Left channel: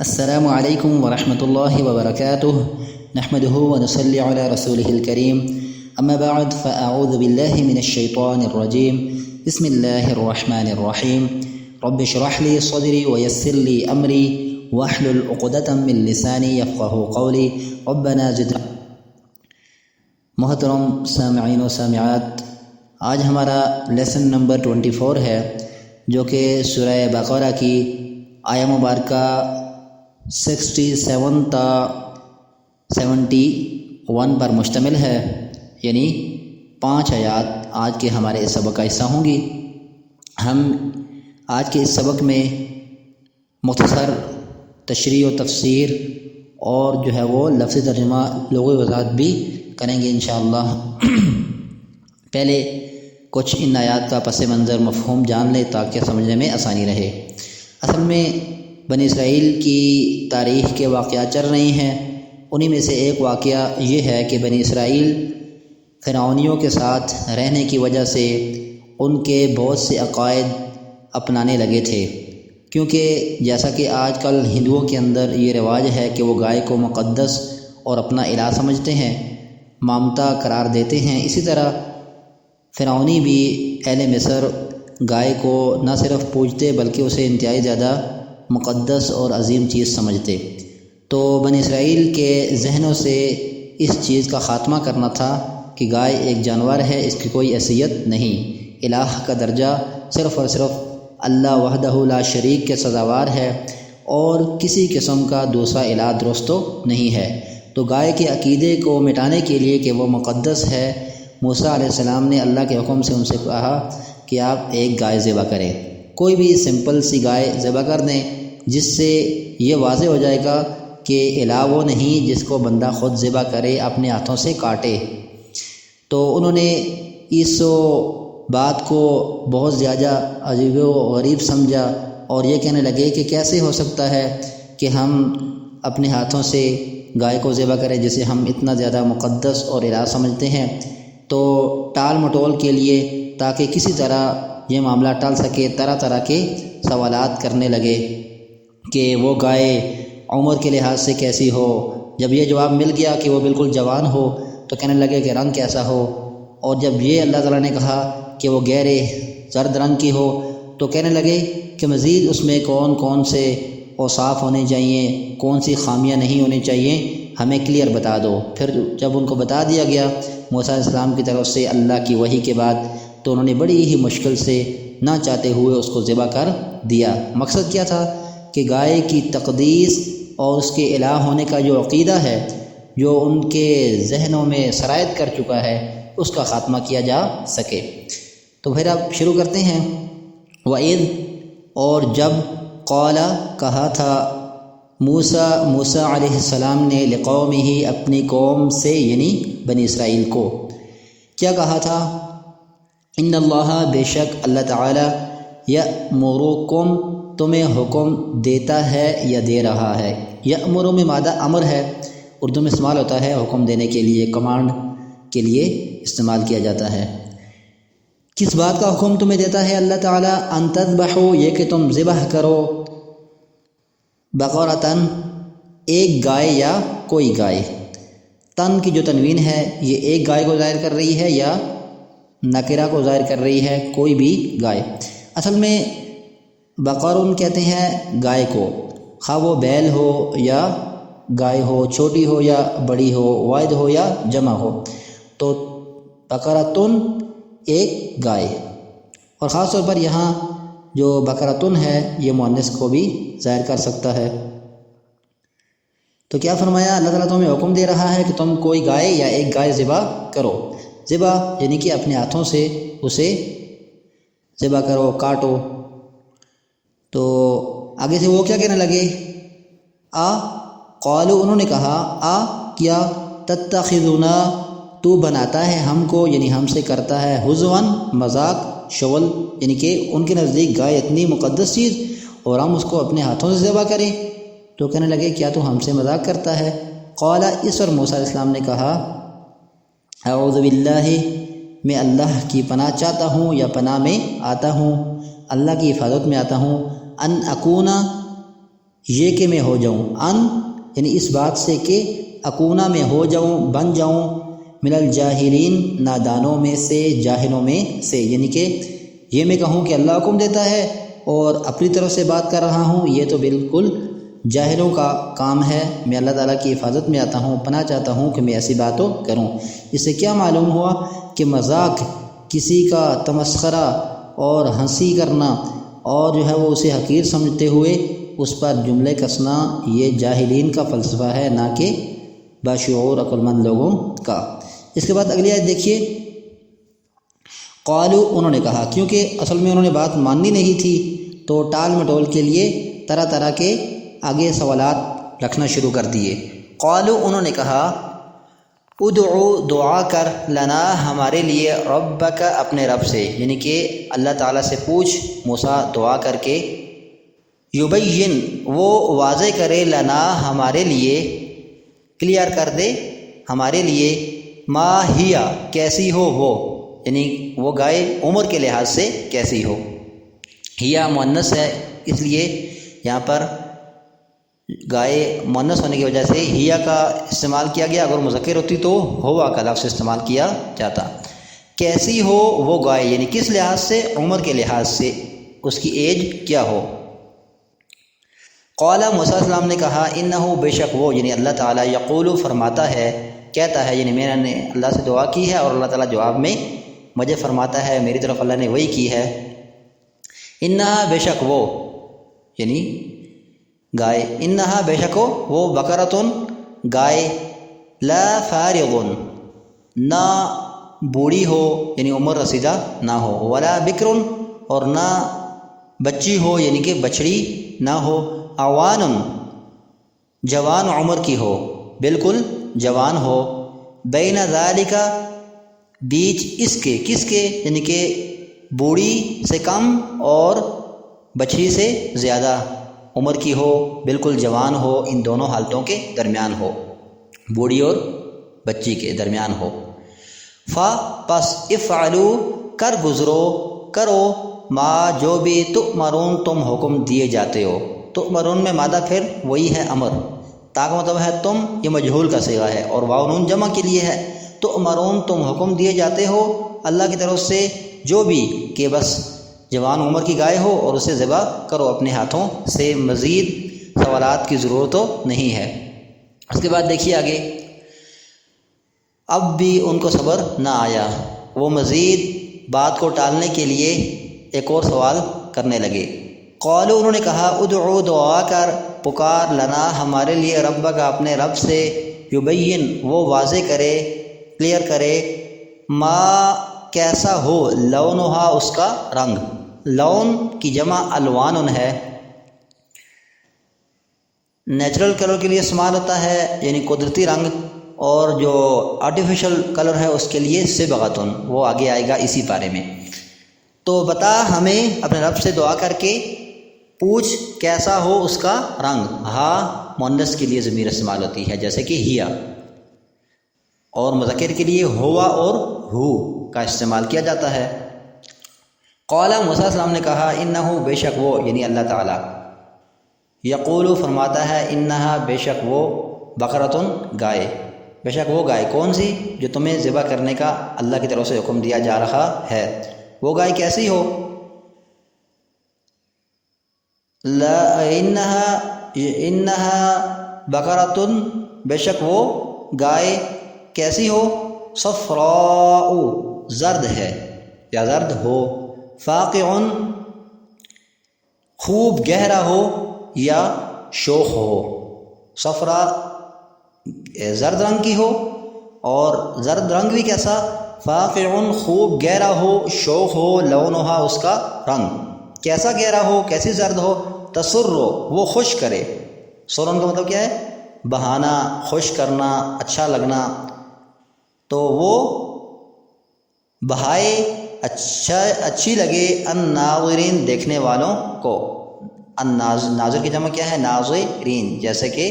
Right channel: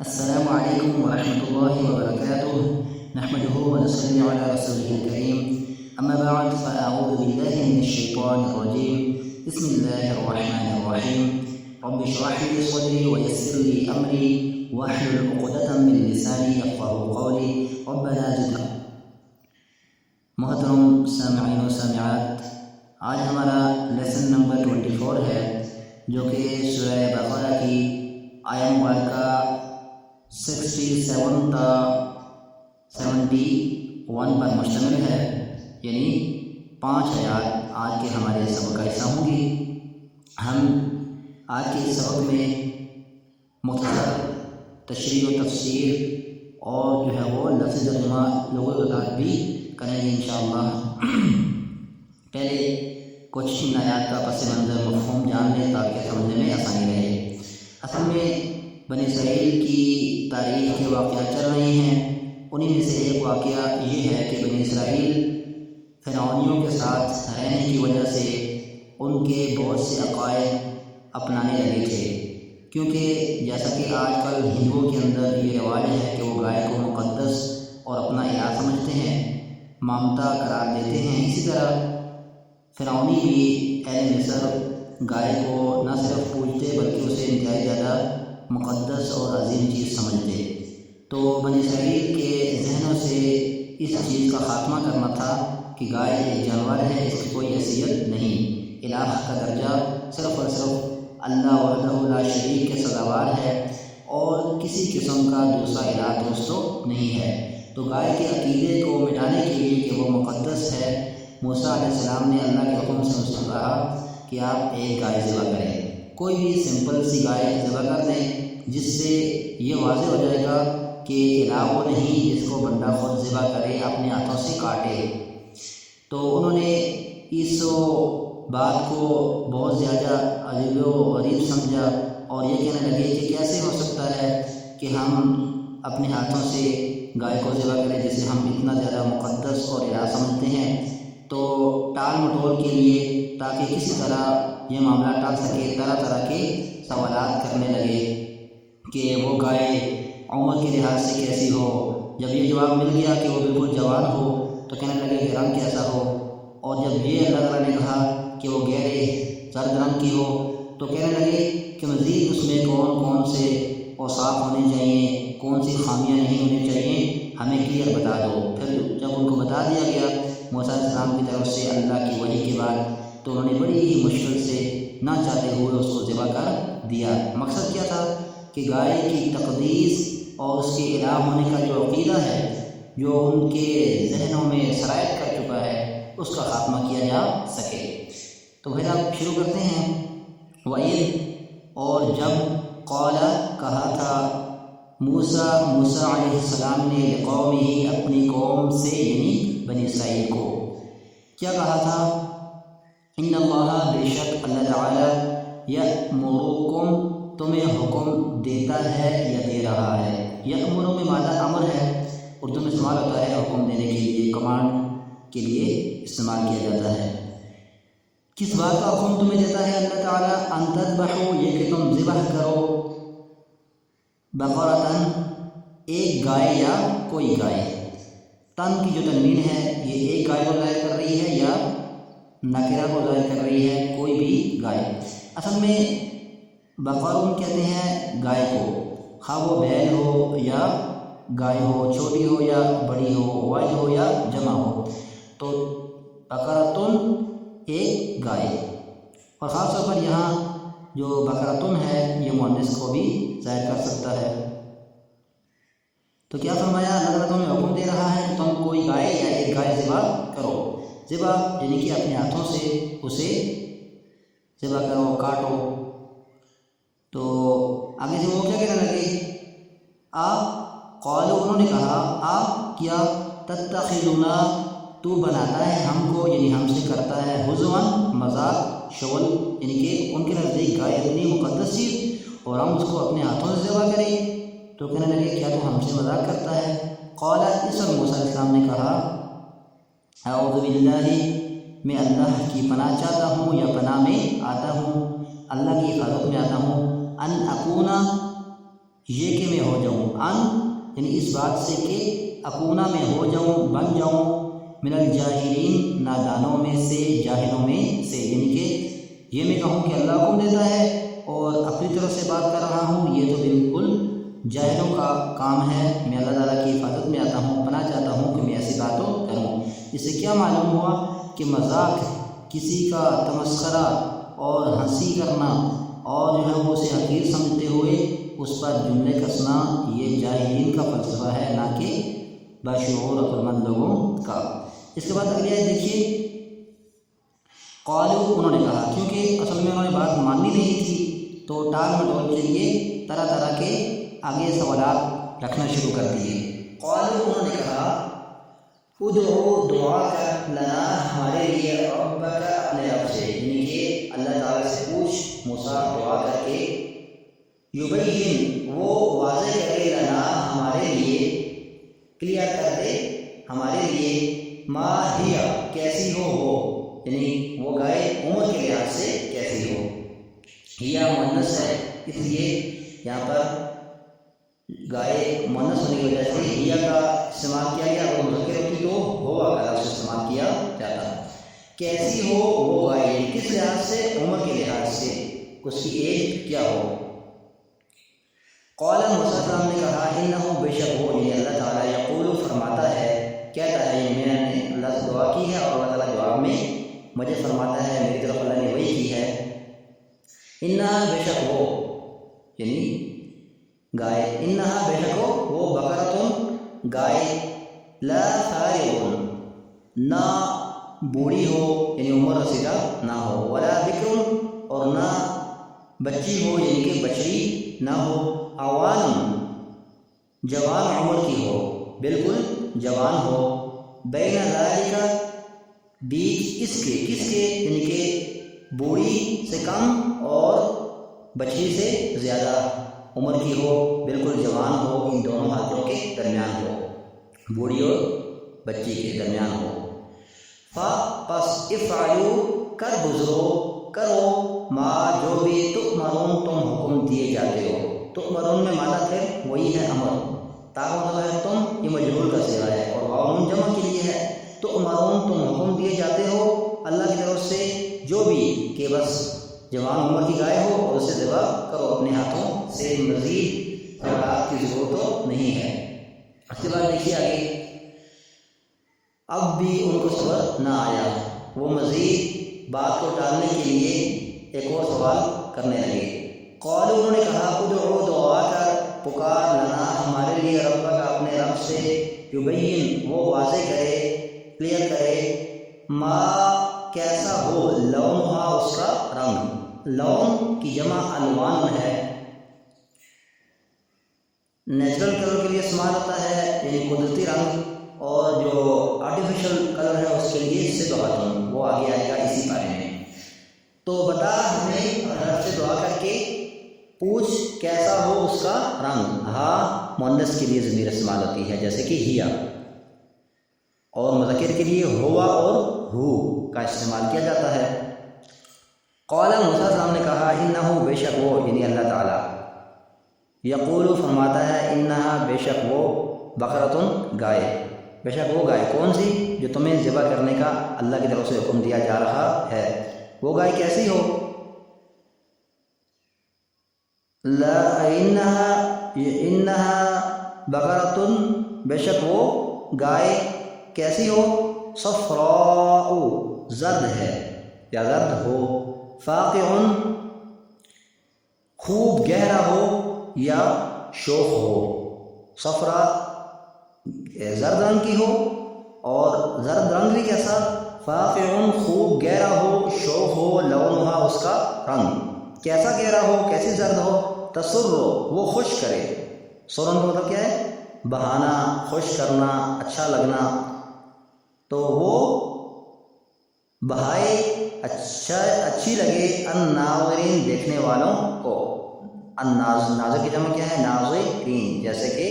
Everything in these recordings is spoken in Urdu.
السلام علیکم ورحمۃ اللہ وبرکاتہ نحمده ونصلی علی رسوله الکریم اما بعد فاعوذ باللہ من الشیطان الرجیم بسم اللہ الرحمن الرحیم رب اشرح لی صدری ویسر لی امری واحلل عقدۃ من لسانی یفقهوا قولی ربنا زد. محترم سامعین و سامعات، آج ہمارا لیسن نمبر 24 ہے جو کہ سورہ بقرہ کی آیہ مبارکہ 67 تا 71 پر مشتمل ہے، یعنی 5 آیات آج کے ہمارے اس سبق کا حصہ ہوں گی. ہم آج کے اس سبق میں مختصر تشریح و تفسیر اور جو ہے وہ لفظی ترجمہ لغوی وضاحت بھی کریں گے انشاءاللہ. پہلے کچھ ان آیات کا پس منظر مفہوم جان لیں تاکہ سمجھنے میں آسانی رہے. اصل میں بنی اسرائیل کی تاریخ کے واقعات چل رہی ہیں. انہی میں سے ایک واقعہ یہ ہے کہ بنی اسرائیل فرعونیوں کے ساتھ رہنے کی وجہ سے ان کے بہت سے عقائد اپنانے لگے تھے، کیونکہ جیسا کہ آج کل ہندوؤں کے اندر یہ رواج ہے کہ وہ گائے کو مقدس اور اپنا الہ سمجھتے ہیں، مامتا قرار دیتے ہیں. اسی طرح فرعونی بھی اہل مصر گائے کو نہ صرف پوجتے بلکہ اسے انتہائی زیادہ مقدس اور عظیم چیز سمجھتے. تو بنی اسرائیل کے ذہنوں سے اس چیز کا خاتمہ کرنا تھا کہ گائے ایک جانور ہے، اس کی کوئی حیثیت نہیں، الہ کا درجہ صرف اور صرف اللہ وحدہ لا شریک کے سزاوار ہے اور کسی قسم کا دوسرا الہ درست نہیں ہے. تو گائے کے عقیدے کو مٹانے کے لیے کہ وہ مقدس ہے، موسیٰ علیہ السلام نے اللہ کے حکم سے ان سے کہا کہ آپ ایک گائے ذبح کریں، کوئی بھی سمپل سی گائے ذبح کر دیں، جس سے یہ واضح ہو جائے گا کہ الہ وہ نہیں جس کو بندہ خود ذبح کرے، اپنے ہاتھوں سے کاٹے. تو انہوں نے اس بات کو بہت زیادہ عجیب و غریب سمجھا اور یہ کہنے لگے کہ کیسے ہو سکتا ہے کہ ہم اپنے ہاتھوں سے گائے کو ذبح کریں جسے ہم اتنا زیادہ مقدس اور الہ سمجھتے ہیں. تو ٹال مٹول کے لیے تاکہ کسی طرح یہ معاملہ ٹال سکے طرح طرح کے سوالات کرنے لگے کہ وہ گائے عمر کے لحاظ سے کیسی ہو. جب یہ جواب مل گیا کہ وہ بالکل جوان ہو تو کہنے لگے کہ رنگ کیسا ہو، اور جب یہ اللہ تعالیٰ نے کہا کہ وہ گہرے زرد رنگ کی ہو تو کہنے لگے کہ مزید اس میں کون کون سے اوصاف ہونے چاہیے، کون سی خامیاں نہیں ہونی چاہیے، ہمیں کلیئر بتا دو. پھر جب ان کو بتا دیا گیا موسیٰ علیہ السلام کی طرف سے اللہ کی وحی کے بعد، تو انہوں نے بڑی ہی مشکل سے نہ چاہتے ہوئے اس کو ذبح کر دیا. مقصد کیا تھا کہ گائے کی تقدیس اور اس کے الہ ہونے کا جو عقیدہ ہے جو ان کے ذہنوں میں سرایت کر چکا ہے اس کا خاتمہ کیا جا سکے. تو پھر آپ شروع کرتے ہیں. وَإِذْ، اور جب، قَالَ، کہا تھا، موسیٰ علیہ السلام نے، لقومہ، اپنی قوم سے یعنی بنی اسرائیل کو کیا کہا تھا؟ ان اللہ، بے شک اللہ تعالی، یأمرکم، تمہیں حکم دیتا ہے یا دے رہا ہے. یأمر میں مادہ امر ہے، اردو میں استعمال ہوتا ہے حکم دینے کے لیے، کمانڈ کے لیے استعمال کیا جاتا ہے. کس بات کا حکم تمہیں دیتا ہے اللہ تعالیٰ؟ ان تذبحوا، یہ کہ تم ذبح کرو، بقرۃ، ایک گائے یا کوئی گائے. تن کی جو تنوین ہے یہ ایک گائے کو ظاہر کر رہی ہے یا نکرہ کو ظاہر کر رہی ہے؟ کوئی بھی گائے. اصل میں بقرون کہتے ہیں گائے کو، خواہ وہ بیل ہو یا گائے ہو، چھوٹی ہو یا بڑی ہو، واحد ہو یا جمع ہو. تو بقرۃن، ایک گائے. اور خاص طور پر یہاں جو بقرۃن ہے یہ مؤنث کو بھی ظاہر کر سکتا ہے. تو کیا فرمایا؟ اللہ تعالیٰ تمہیں حکم دے رہا ہے کہ تم کوئی گائے یا ایک گائے ذبح کرو. ذبح یعنی کہ اپنے ہاتھوں سے اسے ذبح کرو، کاٹو. تو آگے سے وہ کیا کہنے لگے؟ قالوا، انہوں نے کہا، کیا، تتخذنا، تو بناتا ہے ہم کو، یعنی ہم سے کرتا ہے، ہزواً، مذاق، شغل، یعنی کہ ان کے نزدیک گائے اتنی مقدس چیز اور ہم اس کو اپنے ہاتھوں سے ذبح کریں. تو کہنے لگے کیا تو ہم سے مذاق کرتا ہے؟ قال، اس پر موسیٰ علیہ السلام نے کہا، اعوذ باللہ، میں اللہ کی پناہ چاہتا ہوں یا پناہ میں آتا ہوں، اللہ کی حفاظت میں آتا ہوں، ان اکونا، یہ کہ میں ہو جاؤں، ان یعنی اس بات سے کہ اکونا میں ہو جاؤں، بن جاؤں، من الجاہلین نادانوں میں سے، جاہلوں میں سے، یعنی کہ یہ میں کہوں کہ اللہ حکم دیتا ہے اور اپنی طرف سے بات کر رہا ہوں، یہ تو بالکل جاہلوں کا کام ہے۔ میں اللہ تعالیٰ کی حفاظت میں آتا ہوں، پناہ چاہتا ہوں کہ میں ایسی باتوں کروں۔ اس سے کیا معلوم ہوا کہ مذاق، کسی کا تمسخرہ اور ہنسی کرنا اور جو ہے وہ اسے حقیر سمجھتے ہوئے اس پر جملے کسنا، یہ جاہلین کا فلسفہ ہے، نہ کہ باشعور عقل مند لوگوں کا۔ اس کے بعد اگلی آیت دیکھیے، قالو انہوں نے کہا، کیونکہ اصل میں انہوں نے بات ماننی نہیں تھی تو ٹال مٹول کے لیے طرح طرح کے آگے سوالات رکھنا شروع کر دیے۔ قالو انہوں نے کہا، ادعو دعا کر، لنا ہمارے لیے، ربک اپنے رب سے، یعنی کہ اللہ تعالیٰ سے پوچھ موسیٰ دعا کر کے، یبین وہ واضح کرے، لنا ہمارے لیے، کلیئر کر دے ہمارے لیے، ما ہیا کیسی ہو وہ، یعنی وہ گائے عمر کے لحاظ سے کیسی ہو۔ ہیا مؤنث ہے اس لیے یہاں پر گائے مؤنث ہونے کی وجہ سے ہیا کا استعمال کیا گیا، اگر مذکر ہوتی تو ہوا کا لفظ استعمال کیا جاتا۔ کیسی ہو وہ گائے، یعنی کس لحاظ سے، عمر کے لحاظ سے، اس کی ایج کیا ہو۔ قال موسیٰ علیہ السلام نے کہا، انہو بے شک وہ، یعنی اللہ تعالیٰ، یقول فرماتا ہے، کہتا ہے، یعنی میں نے اللہ سے دعا کی ہے اور اللہ تعالیٰ جواب میں مجھے فرماتا ہے، میری طرف اللہ نے وحی کی ہے، انہا بے شک وہ، یعنی گائے، انہا بے شک وہ، بقرۃ گائے، لا فارغ نہ بوڑھی ہو، یعنی عمر رسیدہ نہ ہو، ولا بکر اور نہ بچی ہو، یعنی کہ بچڑی نہ ہو، عوان جوان عمر کی ہو، بالکل جوان ہو، بین ذالک بیچ اس کے، کس کے، یعنی کہ بوڑھی سے کم اور بچڑی سے زیادہ عمر کی ہو، بالکل جوان ہو، ان دونوں حالتوں کے درمیان ہو، بوڑھی اور بچی کے درمیان ہو۔ پس افعلوا کر گزرو، کرو، ما جو بھی تؤمرون تم حکم دیے جاتے ہو۔ تؤمرون میں مادہ پھر وہی ہے امر، تا کا مطلب ہے تم، یہ مجہول کا صیغہ ہے اور واو نون جمع کے لیے ہے۔ تؤمرون تم حکم دیے جاتے ہو اللہ کی طرف سے، جو بھی، کہ بس جوان عمر کی گائے ہو اور اسے ذبح کرو اپنے ہاتھوں سے، مزید سوالات کی ضرورت تو نہیں ہے۔ اس کے بعد دیکھیے آگے، اب بھی ان کو صبر نہ آیا، وہ مزید بات کو ٹالنے کے لیے ایک اور سوال کرنے لگے۔ قالو انہوں نے کہا، ادعو دعا کر، پکار، لنا ہمارے لیے، ربک اپنے رب سے، یبین وہ واضح کرے، کلیئر کرے، ما کیسا ہو، لونہا اس کا رنگ، لون کی جمع الوان ہے، نیچرل کلر کے لیے استعمال ہوتا ہے، یعنی قدرتی رنگ، اور جو آرٹیفیشل کلر ہے اس کے لیے صبغۃ، وہ آگے آئے گا اسی پارے میں۔ تو بتا ہمیں اپنے رب سے دعا کر کے، پوچھ کیسا ہو اس کا رنگ، ہا مؤنث کے لیے ضمیر استعمال ہوتی ہے جیسے کہ ہیا، اور مذکر کے لیے ہوا اور ہو کا استعمال کیا جاتا ہے۔ قال موسیٰ علیہ السلام نے کہا، انہو بے شک وہ، یعنی اللہ تعالیٰ، یقول فرماتا ہے، انہا بے شک وہ، بقرۃ گائے، بے شک وہ گائے کون سی جو تمہیں ذبح کرنے کا اللہ کی طرف سے حکم دیا جا رہا ہے، وہ گائے کیسی ہو، انہا بقرۃ بے شک وہ گائے کیسی ہو، صفراء زرد ہے یا زرد ہو، فاقع خوب گہرا ہو یا شوخ ہو، صفرا زرد رنگ کی ہو، اور زرد رنگ بھی کیسا، فاقع خوب گہرا ہو، شوخ ہو، لونہا اس کا رنگ کیسا گہرا ہو، کیسی زرد ہو، تسر وہ خوش کرے، سرن کا مطلب کیا ہے، بہانا، خوش کرنا، اچھا لگنا، تو وہ بہائے اچھی لگے، الناظرین دیکھنے والوں کو، ناظر کی جمع کیا ہے، ناظرین، جیسے کہ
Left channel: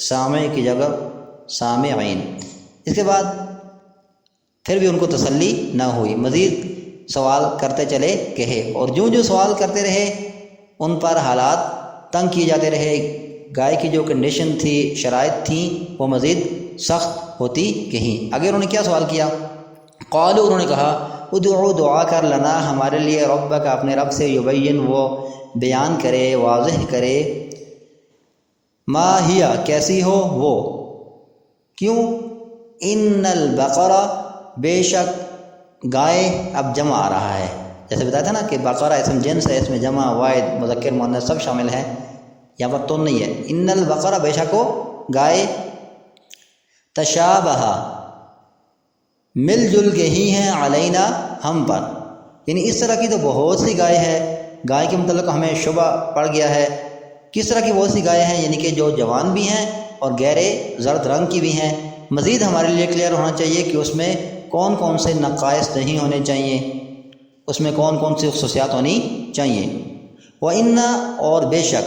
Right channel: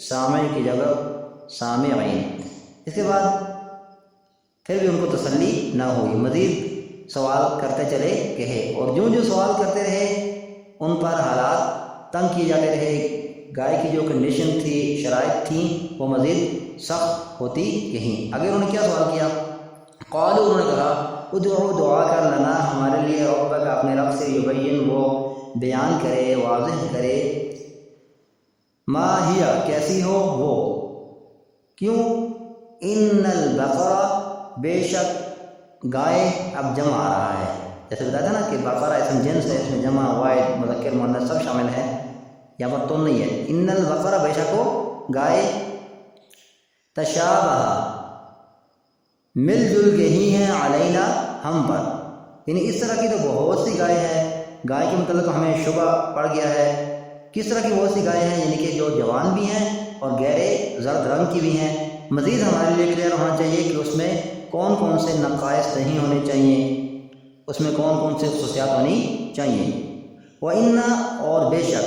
سامع کی جگہ سامعین۔ اس کے بعد پھر بھی ان کو تسلی نہ ہوئی، مزید سوال کرتے چلے گئے، اور جو سوال کرتے رہے ان پر حالات تنگ کیے جاتے رہے، گائے کی جو کنڈیشن تھی، شرائط تھیں، وہ مزید سخت ہوتی گئیں۔ آگے انہوں نے کیا سوال کیا؟ قالوا، انہوں نے کہا ادعو، دعا کر، لنا، ہمارے لیے، ربک، اپنے رب سے، یبین، وہ بیان کرے، واضح کرے، ما ہیا، کیسی ہو وہ، کیوں، ان البقرہ، بے شک گائے، اب جمع آ رہا ہے، جیسے بتایا تھا نا کہ بقرہ اسم جنس ہے، اس میں جمع، واحد، مذکر، مؤنث سب شامل ہیں، یہاں پر تو نہیں ہے، ان البقرہ، بے شک وہ گائے، تشابہ، مل جل کے ہی ہیں، علینا، ہم پر، یعنی اس طرح کی تو بہت سی گائے ہے، گائے کے متعلق ہمیں شبہ پڑ گیا ہے، کس طرح کی بہت سی گائے ہیں، یعنی کہ جو جوان بھی ہیں اور گہرے زرد رنگ کی بھی ہیں۔ مزید ہمارے لیے کلیئر ہونا چاہیے کہ اس میں کون کون سے نقائص نہیں ہونے چاہیے، اس میں کون کون سی خصوصیات ہونی چاہیے۔ وَإِنَّا، اور بے شک،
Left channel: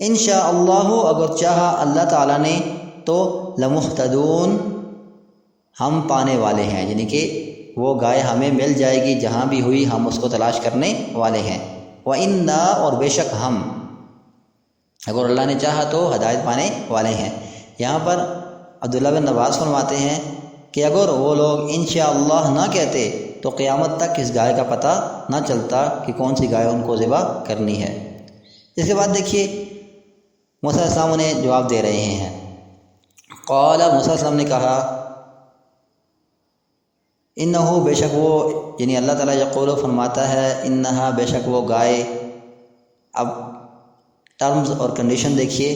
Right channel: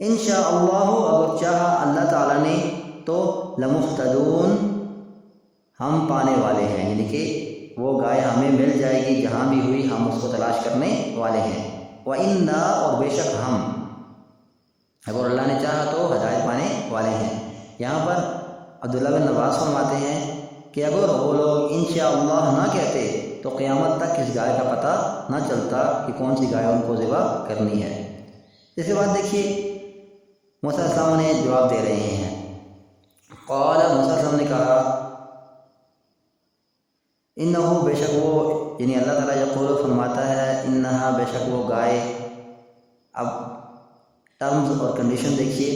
انشاء اللہ، اگر چاہا اللہ تعالیٰ نے تو، لمہتدون، ہم پانے والے ہیں، یعنی کہ وہ گائے ہمیں مل جائے گی، جہاں بھی ہوئی ہم اس کو تلاش کرنے والے ہیں۔ وَإِنَّا، اور بے شک ہم، اگر اللہ نے چاہا تو ہدایت پانے والے ہیں۔ یہاں پر عبداللہ بن عباس فرماتے ہیں کہ اگر وہ لوگ انشاءاللہ نہ کہتے تو قیامت تک اس گائے کا پتہ نہ چلتا کہ کون سی گائے ان کو ذبح کرنی ہے۔ اس کے بعد دیکھیے موسیٰ علیہ السلام انہیں جواب دے رہے ہیں۔ قال، موسیٰ علیہ السلام نے کہا، انہو، بے شک وہ، یعنی اللہ تعالیٰ، یقول، فرماتا ہے، انہا، بے شک وہ گائے۔ اب ٹرمز اور کنڈیشن دیکھیے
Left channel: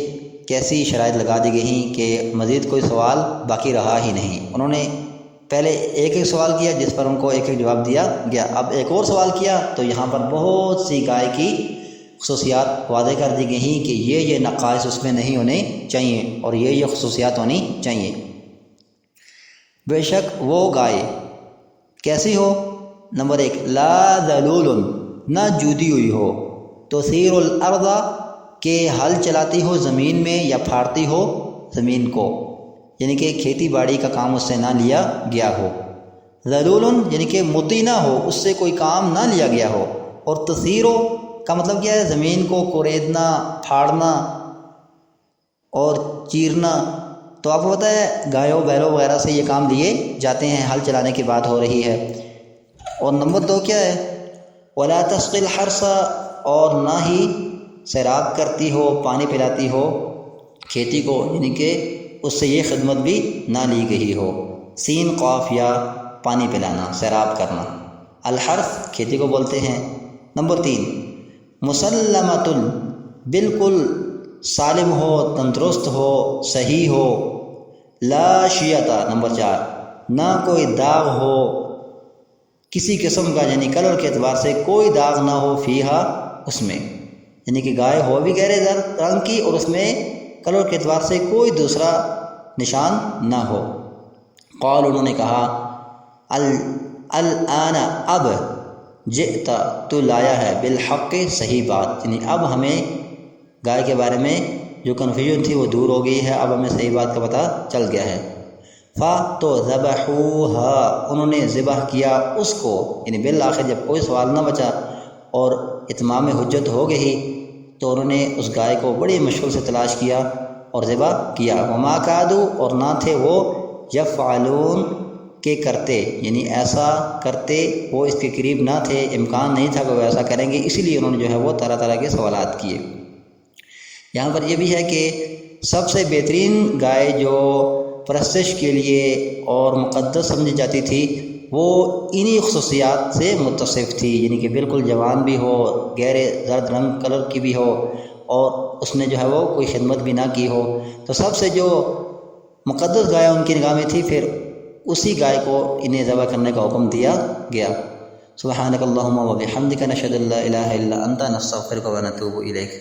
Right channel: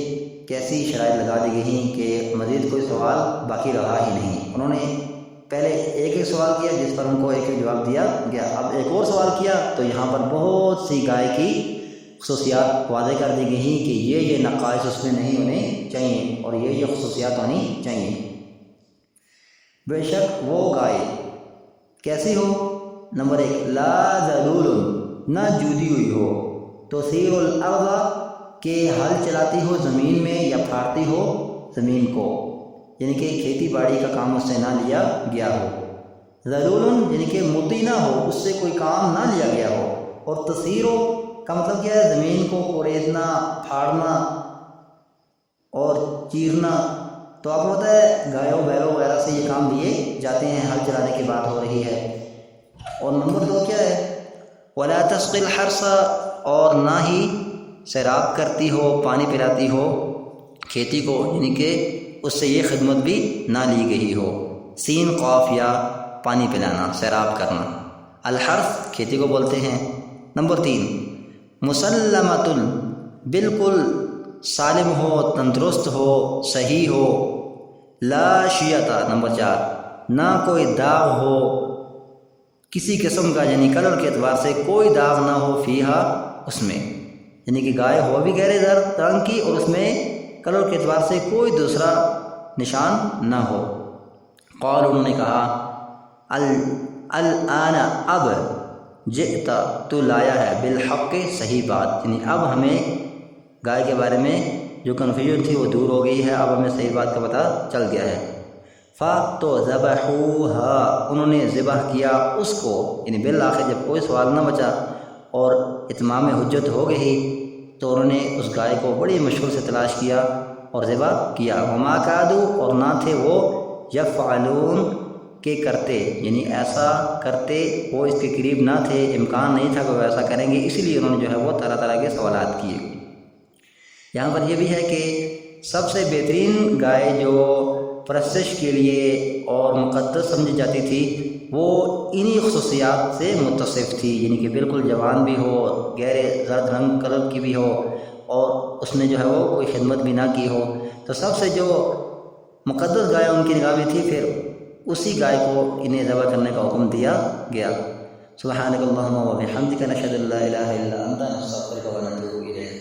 کیسی شرائط لگا دی گئی کہ مزید کوئی سوال باقی رہا ہی نہیں۔ انہوں نے پہلے ایک ایک سوال کیا جس پر ان کو ایک ایک جواب دیا گیا، اب ایک اور سوال کیا تو یہاں پر بہت سی گائے کی خصوصیات واضح کر دی گئی کہ یہ نقائص اس میں نہیں ہونے چاہیے اور یہ خصوصیات ہونی چاہیے۔ بے شک وہ گائے کیسی ہو؟ نمبر 1، لا ذلول، نہ جودی ہوئی ہو، تثیر الارض، کہ ہل چلاتی ہو زمین میں یا پھاڑتی ہو زمین کو، یعنی کہ کھیتی باڑی کا کام اس سے نہ لیا گیا ہو۔ ذلول، یعنی کہ مطیع نہ ہو، اس سے کوئی کام نہ لیا گیا ہو۔ اور تثیرو کا مطلب کیا ہے؟ زمین کو کوریدنا، پھاڑنا اور چیرنا۔ تو آپ کو پتہ ہے گایوں بیلوں وغیرہ سے یہ کام لیے جاتے ہیں، ہل چلانے کی بات ہو رہی ہے۔ اور نمبر 2 کیا ہے؟ ولا تسقی الحرث، اور نہ ہی سیراب کرتی ہو، پانی پلاتی ہو کھیتی کو، یعنی کہ اس سے یہ خدمت بھی نہ لی گئی ہو۔ سین قاف، یا پانی پلانا، سیراب کرنا۔ الحرث کھیتی کو بولتے ہیں۔ نمبر 3، مسلمۃ، بالکل سالم ہو، تندرست ہو، صحیح ہو۔ لا شیعۃ، نمبر 4، نہ کوئی داغ ہو کسی قسم کا، یعنی کلر کے اعتبار سے کوئی داغ نہ ہو، فیہا، اس میں، یعنی کہ گائے ہو بھی گہرے رنگ کی اور اس میں کلر کے اعتبار سے کوئی دوسرا نشان نہ ہو۔ قال، انہوں نے کہا، الآن، اب، جئت، تو لایا ہے، بالحق، صحیح بات، یعنی اب ہمیں گائے کے بارے میں جو کنفیوژن تھی وہ دور ہو گئی ہے، اب ہمیں صحیح بات کا پتہ چل گیا ہے۔ تو ذبحوها، انہوں نے ذبح کیا اس کو، یعنی بالآخر جب کوئی سوال نہ بچا اور اتمام حجت ہو گئی تو انہوں نے اس گائے کو بڑی مشکل سے تلاش کیا اور ذبح کیا۔ وما کادوا، اور نہ تھے وہ، یفعلون، کہ کرتے، یعنی ایسا کرتے، وہ اس کے قریب نہ تھے، امکان نہیں تھا کہ وہ ایسا کریں گے، اسی لیے انہوں نے جو ہے وہ طرح طرح کے سوالات کیے۔ یہاں پر یہ بھی ہے کہ سب سے بہترین گائے جو پرستش کے لیے اور مقدس سمجھی جاتی تھی وہ انہی خصوصیات سے متصف تھی، یعنی کہ بالکل جوان بھی ہو، گہرے زرد رنگ کلر کی بھی ہو اور اس نے جو ہے وہ کوئی خدمت بھی نہ کی ہو۔ تو سب سے جو مقدس گائے ان کی نگاہ میں تھی، پھر اسی گائے کو انہیں ذبح کرنے کا حکم دیا گیا۔ سبحانک اللہم و بحمدک، نشہد ان لا الہ الا انت، نستغفرک و نتوب الیک۔